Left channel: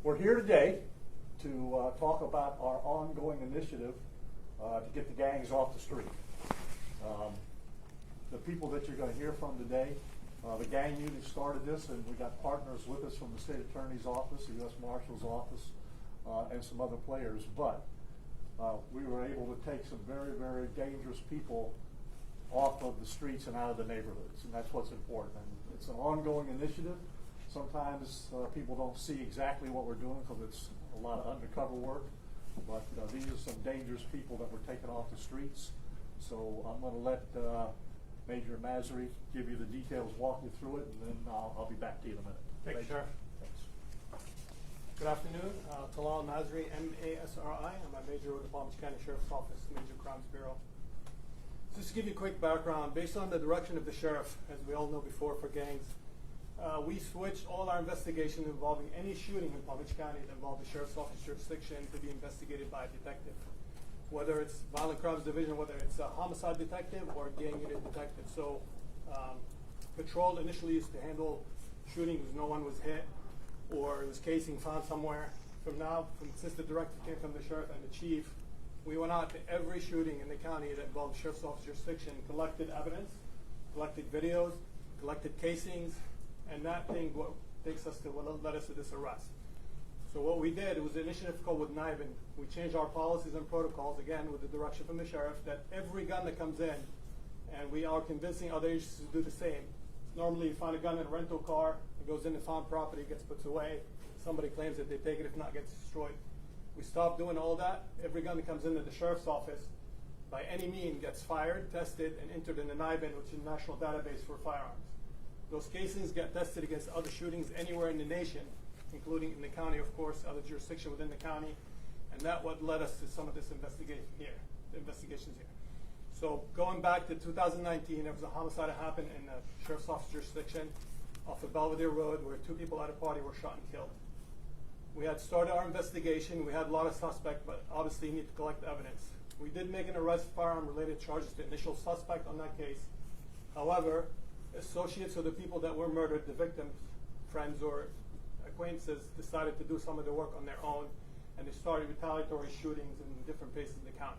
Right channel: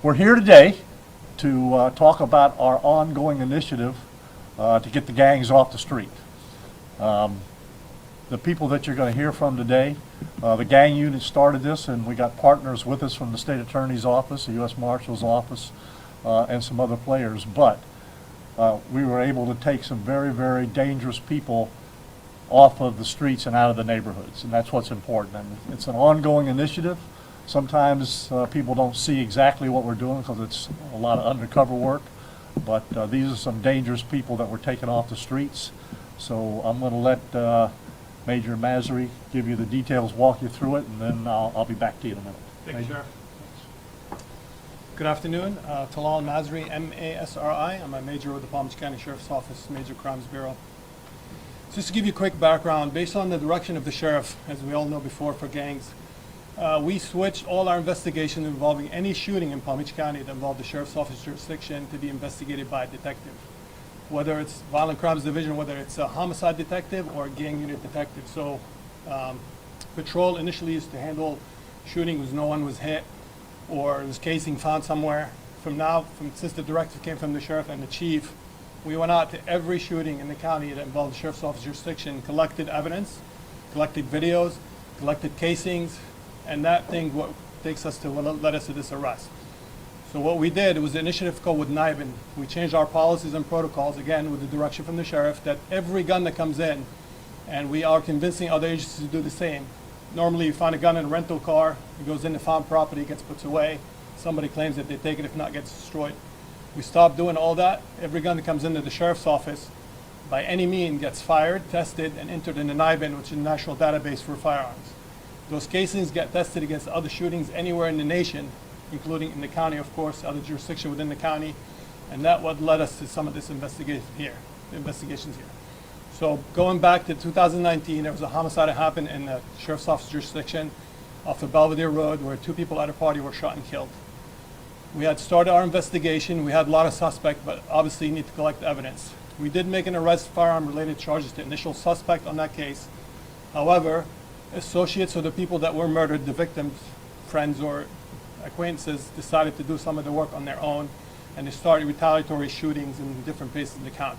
We're here today to talk about our ongoing initiative to get the gangs off the street. The people that you're going to hear from today, the gang unit started this, and we got partners with us from the state attorney's office, the U.S. Marshal's office, and some other players. But we were able to take some very, very dangerous people off of the streets and out of the neighborhoods, and that's what's important. And it's an ongoing initiative. Sometimes people don't see exactly what we're doing because it's a lot of undercover work, but these are some dangerous people that we're taking off the streets. So I'm going to let Major Masri give you the details, walk you through it, and then I'll be back to you in a minute. Thank you, Sheriff. Good afternoon. Talal Masri, M-A-S-R-I. I'm a major with the Palm Beach County Sheriff's Office, Major Crimes Bureau. Just to give you a quick background, based on the direction of the sheriff, as we all know before for gangs, we switched all our investigations involving any shooting in Palm Beach County that involved the Sheriff's Office jurisdiction to be investigated by a detective. Whether it's Violent Crimes Division, whether it's a homicide detective or a gang unit detective. So patrol initially used to handle shootings no one was hit or there was casing found somewhere. Since the directive came from the sheriff and the chief, we went out to every shooting in the county that involved the Sheriff's Office jurisdiction, collected evidence, collected videos, collected casings, and that thing what takes us to what led us to this arrest. So what we did, it was an initiative called with NIBIN. We changed our policies and protocols, again, with the direction from the sheriff, that every gun that comes in, and we are convincing other agencies to do the same. Normally you find a gun in a rental car, it goes into found property, gets put away, somebody claims that they take it, if not gets destroyed. We stopped doing all that. Every gun that comes into the sheriff's office, by any means, gets fired, tested, and entered in the NIBIN, which is a national database for firearms. Those casings get tested against other shootings anywhere in the nation, including in the county, of course, other jurisdiction within the county, and that what led us to some of this investigations here. So going back to 2019, there was a homicide that happened in the Sheriff's Office jurisdiction off of Belvedere Road where 2 people at a party were shot and killed. We had started our investigation. We had a lot of suspects, but obviously you need to collect evidence. We did make an arrest firearm-related charges to initial suspect on that case. However, associates of the people that were murdered, the victims, friends or acquaintances, decided to do some of the work on their own, and they started retaliatory shootings in different places in the county.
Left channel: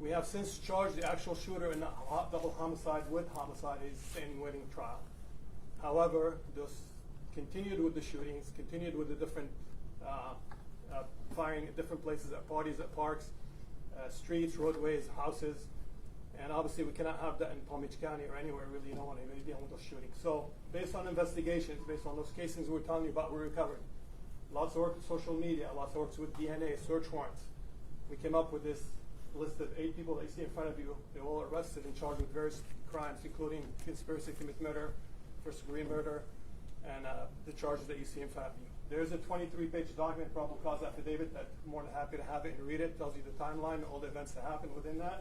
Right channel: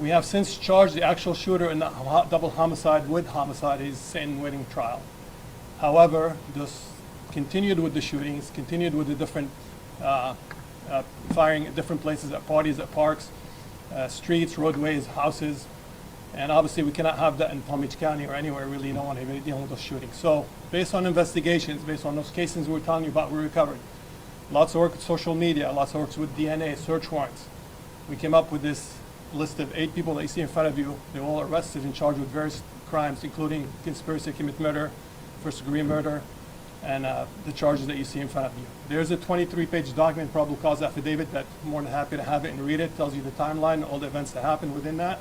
We have since charged the actual shooter in the double homicide with homicide. He's sitting waiting trial. However, this continued with the shootings, continued with the different firing at different places, at parties, at parks, streets, roadways, houses. And obviously we cannot have that in Palm Beach County or anywhere really. You don't want anybody dealing with those shootings. So based on investigations, based on those cases we were telling you about, we recovered. Lots of work with social media, lots of work with DNA, search warrants. We came up with this list of 8 people that you see in front of you. They're all arrested and charged with various crimes, including conspiracy to commit murder, first-degree murder, and the charges that you see in front of you. There's a 23-page document, probable cause affidavit, that I'm more than happy to have it and read it. Tells you the timeline, all the events that happened within that.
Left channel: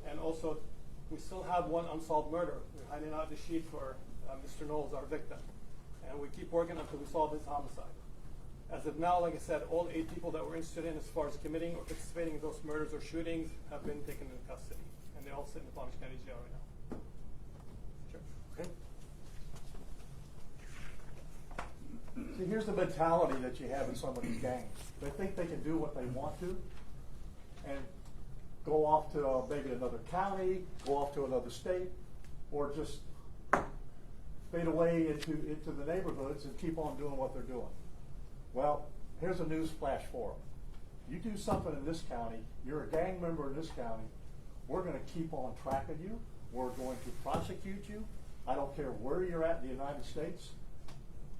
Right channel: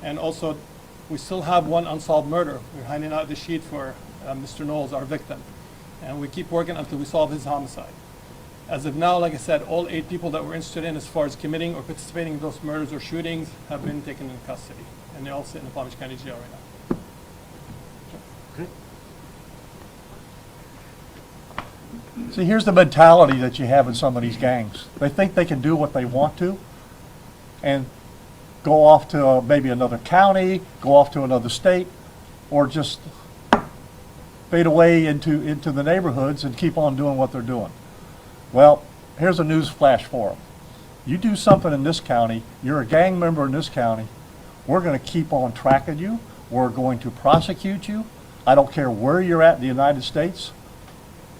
And also, we still have one unsolved murder. We're handing out the sheet for Mr. Knowles, our victim. And we keep working until we solve his homicide. As of now, like I said, all 8 people that we're interested in as far as committing or participating in those murders or shootings have been taken into custody. And they all sit in the Palm Beach County Jail right now. Okay. See, here's the mentality that you have in some of these gangs. They think they can do what they want to, and go off to maybe another county, go off to another state, or just fade away into the neighborhoods and keep on doing what they're doing. Well, here's a news flash for them. You do something in this county, you're a gang member in this county, we're going to keep on tracking you, we're going to prosecute you. I don't care where you're at in the United States.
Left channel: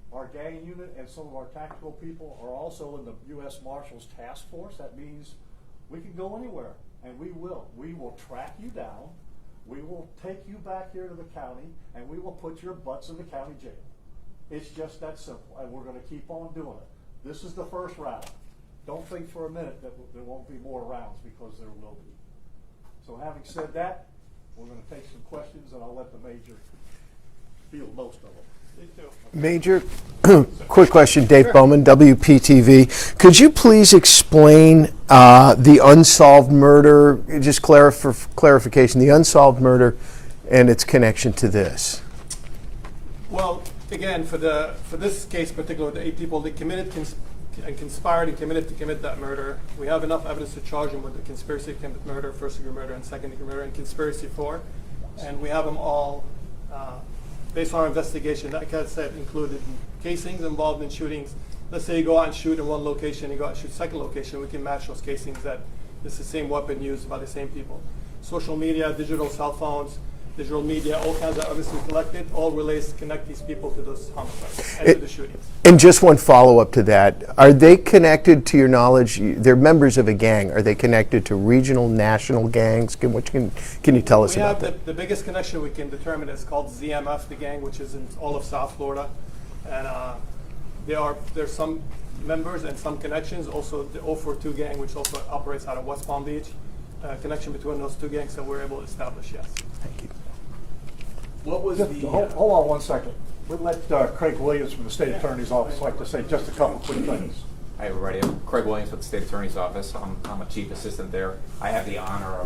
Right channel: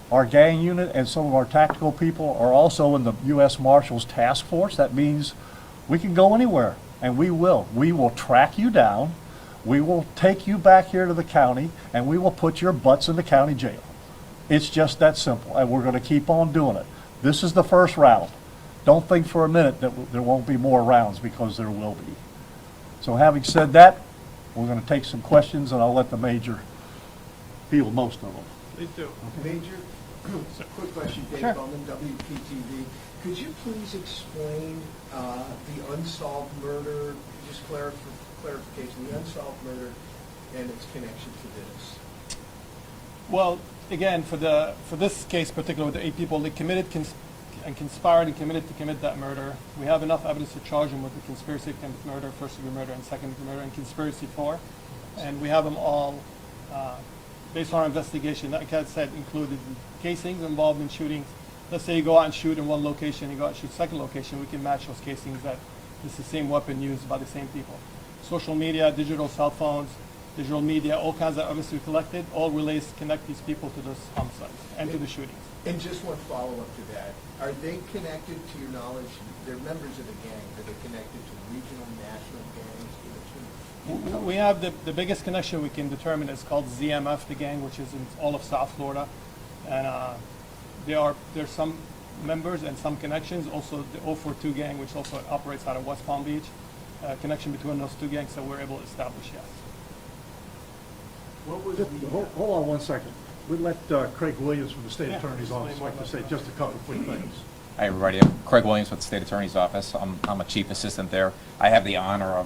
Our gang unit and some of our tactical people are also in the U.S. Marshals Task Force. That means we can go anywhere. And we will. We will track you down. We will take you back here to the county, and we will put your butts in the county jail. It's just that simple, and we're going to keep on doing it. This is the first round. Don't think for a minute that there won't be more rounds, because there will be. So having said that, we're going to take some questions, and I'll let the Major field most of them. Please do. Major, quick question, Dave Bowman, WPTV. Could you please explain the unsolved murder, just for clarification, the unsolved murder and its connection to this? Well, again, for this case particular, the 8 people, they committed and conspired and committed to commit that murder. We have enough evidence to charge them with the conspiracy to commit murder, first degree murder, and second degree murder, and conspiracy for. And we have them all, based on our investigation, like I said, included casings involved in shootings. Let's say you go out and shoot in one location, you go out and shoot second location, we can match those casings that it's the same weapon used by the same people. Social media, digital cell phones, digital media, all kinds of evidence we collected, all relates to connect these people to those homicides and to the shootings. And just one follow-up to that. Are they connected, to your knowledge, they're members of a gang, are they connected to regional, national gangs? Can you tell us about that? We have the biggest connection we can determine is called ZMF, the gang, which is in all of South Florida. And there's some members and some connections. Also the 042 gang, which also operates out of West Palm Beach. Connection between those two gangs that we're able to establish, yes. What was the? Hold on one second. We'd let Craig Williams from the State Attorney's Office like to say just a couple quick things. Hi, everybody. I'm Craig Williams with the State Attorney's Office. I'm a chief assistant there. I have the honor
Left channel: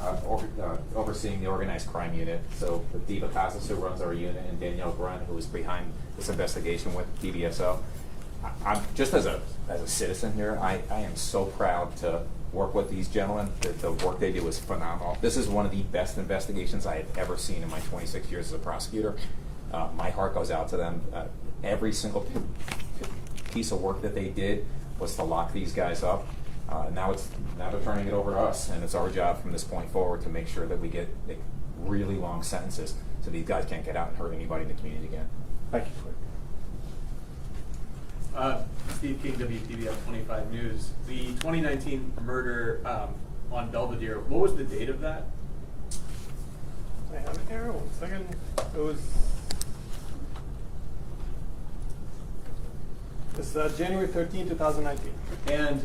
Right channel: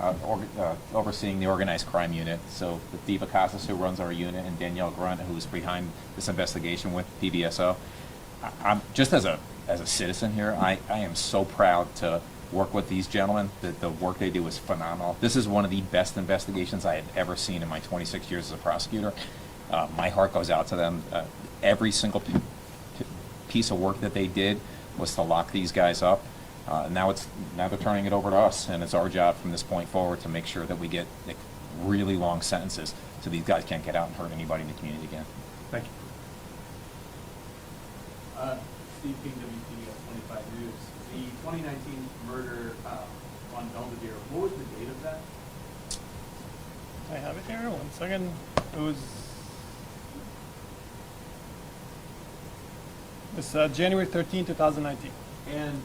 of overseeing the organized crime unit. So the Diva Casas, who runs our unit, and Danielle Grunt, who is behind this investigation with DVSO. I'm just as a citizen here, I am so proud to work with these gentlemen. The work they do is phenomenal. This is one of the best investigations I have ever seen in my 26 years as a prosecutor. My heart goes out to them. Every single piece of work that they did was to lock these guys up. Now they're turning it over to us, and it's our job from this point forward to make sure that we get really long sentences so these guys can't get out and hurt anybody in the community again. Thank you. Steve King, WTVF 25 News. The 2019 murder on Belvedere, what was the date of that? I have it here, 1 second. It was January 13, 2019. And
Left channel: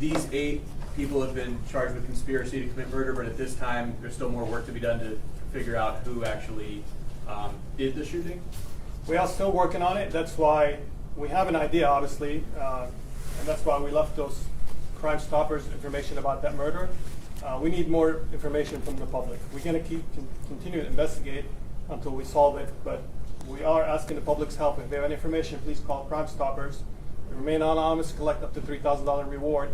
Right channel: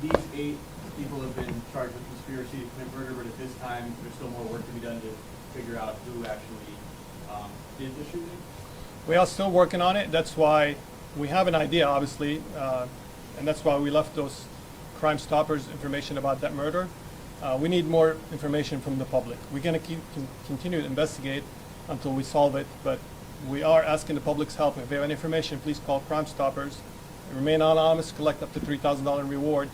these 8 people have been charged with conspiracy to commit murder, but at this time, there's still more work to be done to figure out who actually did the shooting? We are still working on it. That's why we have an idea, obviously, and that's why we left those Crime Stoppers information about that murder. We need more information from the public. We're going to continue to investigate until we solve it, but we are asking the public's help. If they have any information, please call Crime Stoppers. Remain anonymous, collect up to $3,000 reward,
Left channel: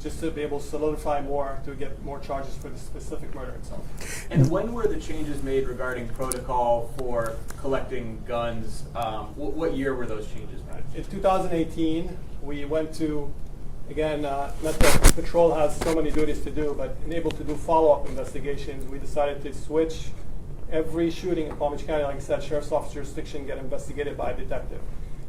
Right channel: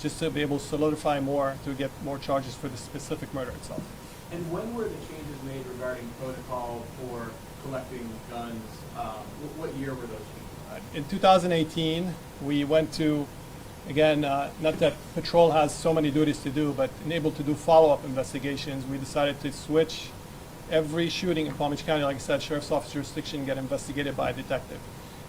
just to be able to solidify more, to get more charges for the specific murder itself. And when were the changes made regarding protocol for collecting guns? What year were those changes made? In 2018, we went to, again, not that patrol has so many duties to do, but able to do follow-up investigations. We decided to switch every shooting in Palm Beach County, like I said, sheriff's office jurisdiction, get investigated by a detective.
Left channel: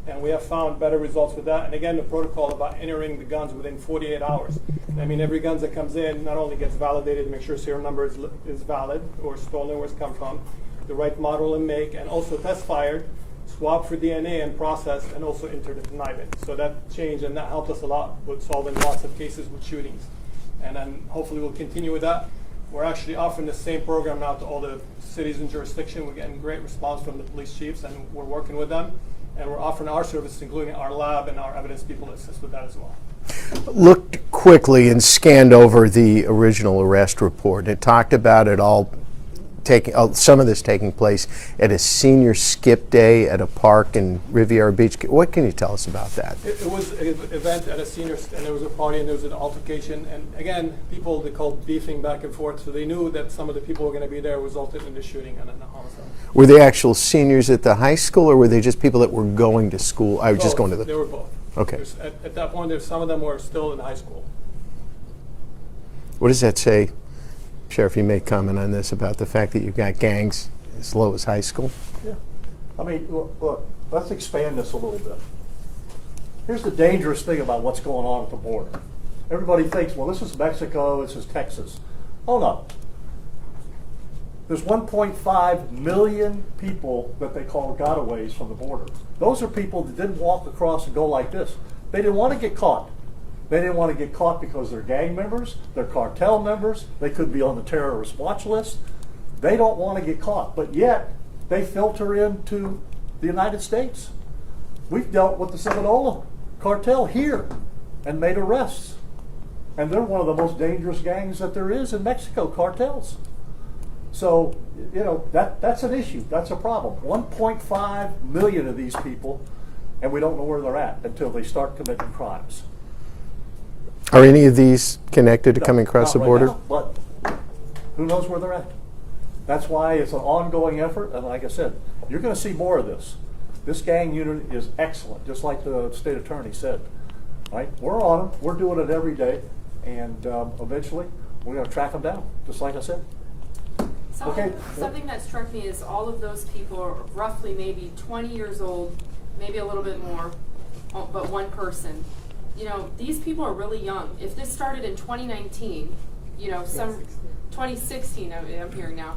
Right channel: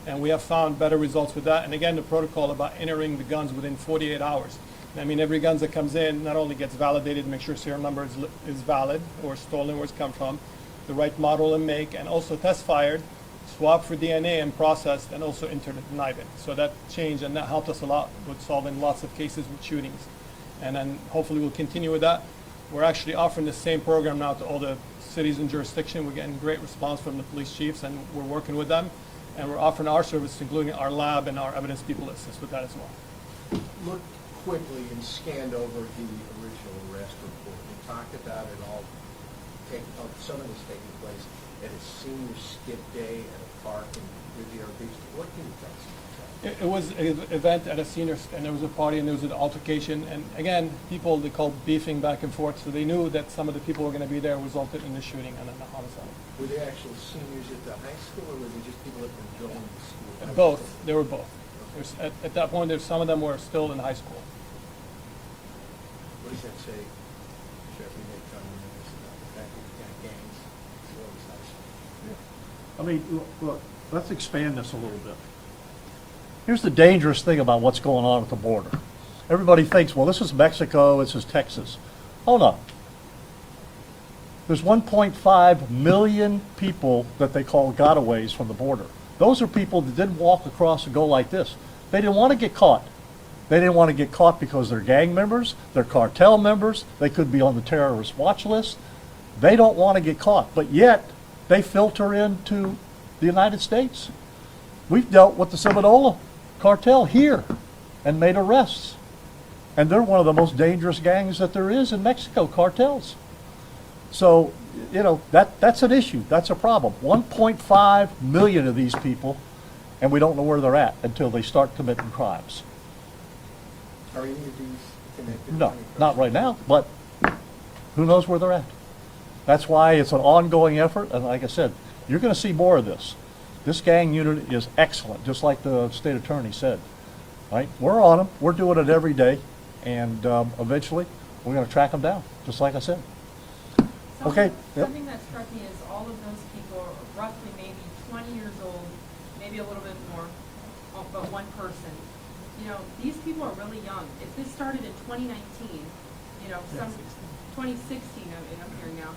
And we have found better results with that. And again, the protocol about entering the guns within 48 hours. I mean, every gun that comes in not only gets validated to make sure serial number is valid, or stolen, where it's come from, the right model and make, and also test fired, swabbed for DNA and processed, and also entered the deniement. So that changed, and that helped us a lot with solving lots of cases with shootings. And then hopefully we'll continue with that. We're actually offering the same program now to all the cities in jurisdiction. We're getting great response from the police chiefs, and we're working with them. And we're offering our service, including our lab and our evidence people, to assist with that as well. Looked quickly and scanned over the original arrest report. It talked about it all some of this taking place at a senior skip day at a park in Riviera Beach. What can you tell us about that? It was an event at a senior, and there was a party, and there was an altercation. And again, people, they called beefing back and forth, so they knew that some of the people who were going to be there resulted in the shooting and a homicide. Were they actual seniors at the high school, or were they just people that were going to school? I was just going to They were both. Okay. At that point, some of them were still in high school. What does that say? Sheriff, you may comment on this about the fact that you've got gangs as low as high school. Yeah. I mean, look, let's expand this a little bit. Here's the dangerous thing about what's going on at the border. Everybody thinks, well, this is Mexico, this is Texas. Hold on. There's 1.5 million people that they call gotaways from the border. Those are people that didn't walk across and go like this. They didn't want to get caught. They didn't want to get caught because they're gang members, they're cartel members, they could be on the terrorist watch list. They don't want to get caught, but yet they filter into the United States. We've dealt with the Sinaloa cartel here and made arrests. And they're one of the most dangerous gangs that there is in Mexico, cartels. So, you know, that's an issue, that's a problem. 1.5 million of these people, and we don't know where they're at until they start committing crimes. Are any of these connected to No, coming across the not right border? now, but who knows where they're at? That's why it's an ongoing effort, and like I said, you're gonna see more of this. This gang unit is excellent, just like the state attorney said. Right, we're on them, we're doing it every day, and eventually, we're gonna track them down, just like I said. Okay, yep. Something that struck me is all of those people are roughly maybe 20 years old, maybe a little bit more, but one person. You know, these people are really young. If this started in 2019, you know, 2016, I'm hearing now.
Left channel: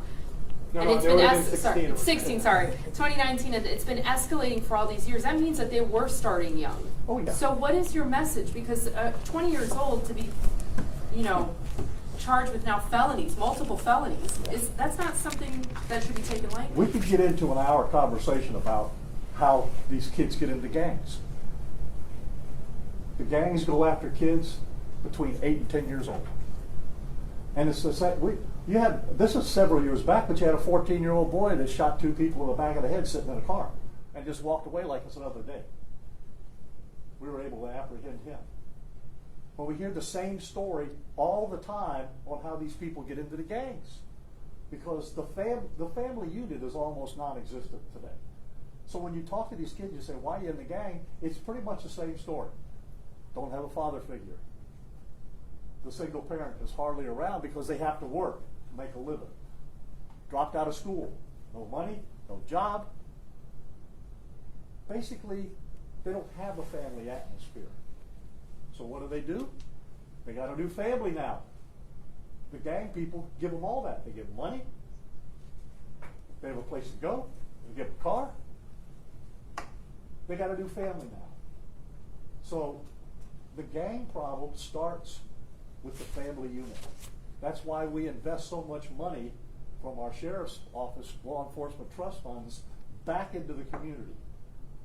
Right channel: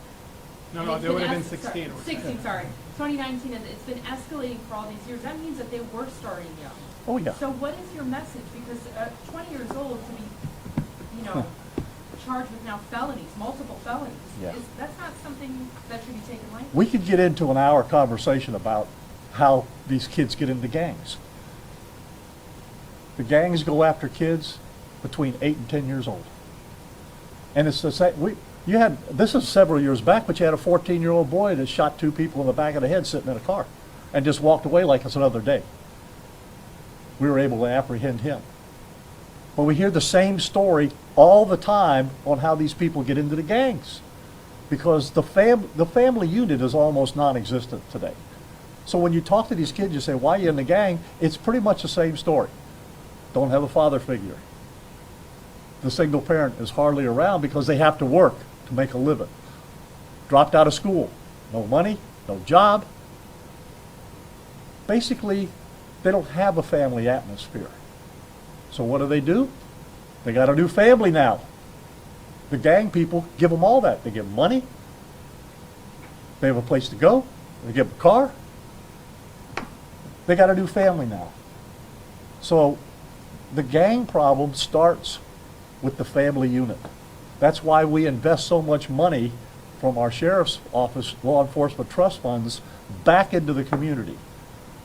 No, And no, it's there been would have been 16. 16, sorry. 2019, and it's been escalating for all these years. That means that they were starting young. Oh, yeah. So what is your message? Because 20 years old to be, you know, charged with now felonies, multiple felonies, Yeah. that's not something that should be taken lightly. We could get into an hour conversation about how these kids get into gangs. The gangs go after kids between 8 and 10 years old. And it's the same, this is several years back, but you had a 14-year-old boy that shot 2 people in the back of the head sitting in a car and just walked away like it's another day. We were able to apprehend him. But we hear the same story all the time on how these people get into the gangs, because the family unit is almost non-existent today. So when you talk to these kids, you say, why are you in the gang? It's pretty much the same story. Don't have a father figure. The single parent is hardly around because they have to work to make a living. Dropped out of school, no money, no job. Basically, they don't have a family atmosphere. So what do? They got a new family now. The gang people give them all that. They give them money. They have a place to go. They give them a car. They got a new family now. So the gang problem starts with the family unit. That's why we invest so much money from our sheriff's office, law enforcement trust funds, back into the community.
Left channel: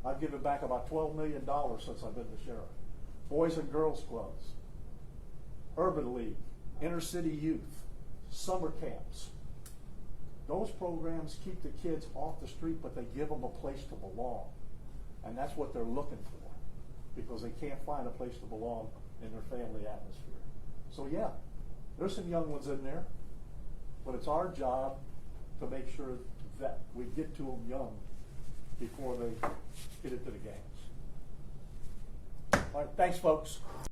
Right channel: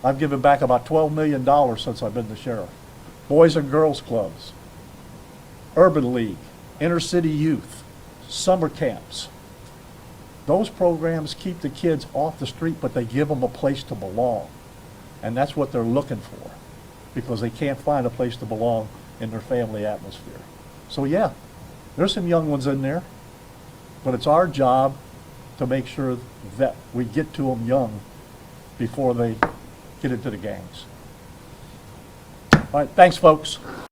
I've given back about $12 million since I've been the sheriff. Boys and Girls Clubs, Urban League, Inner City Youth, summer camps. Those programs keep the kids off the street, but they give them a place to belong. And that's what they're looking for, because they can't find a place to belong in their family atmosphere. So yeah, there's some young ones in there, but it's our job to make sure that we get to them young before they get into the gangs. All right, thanks, folks.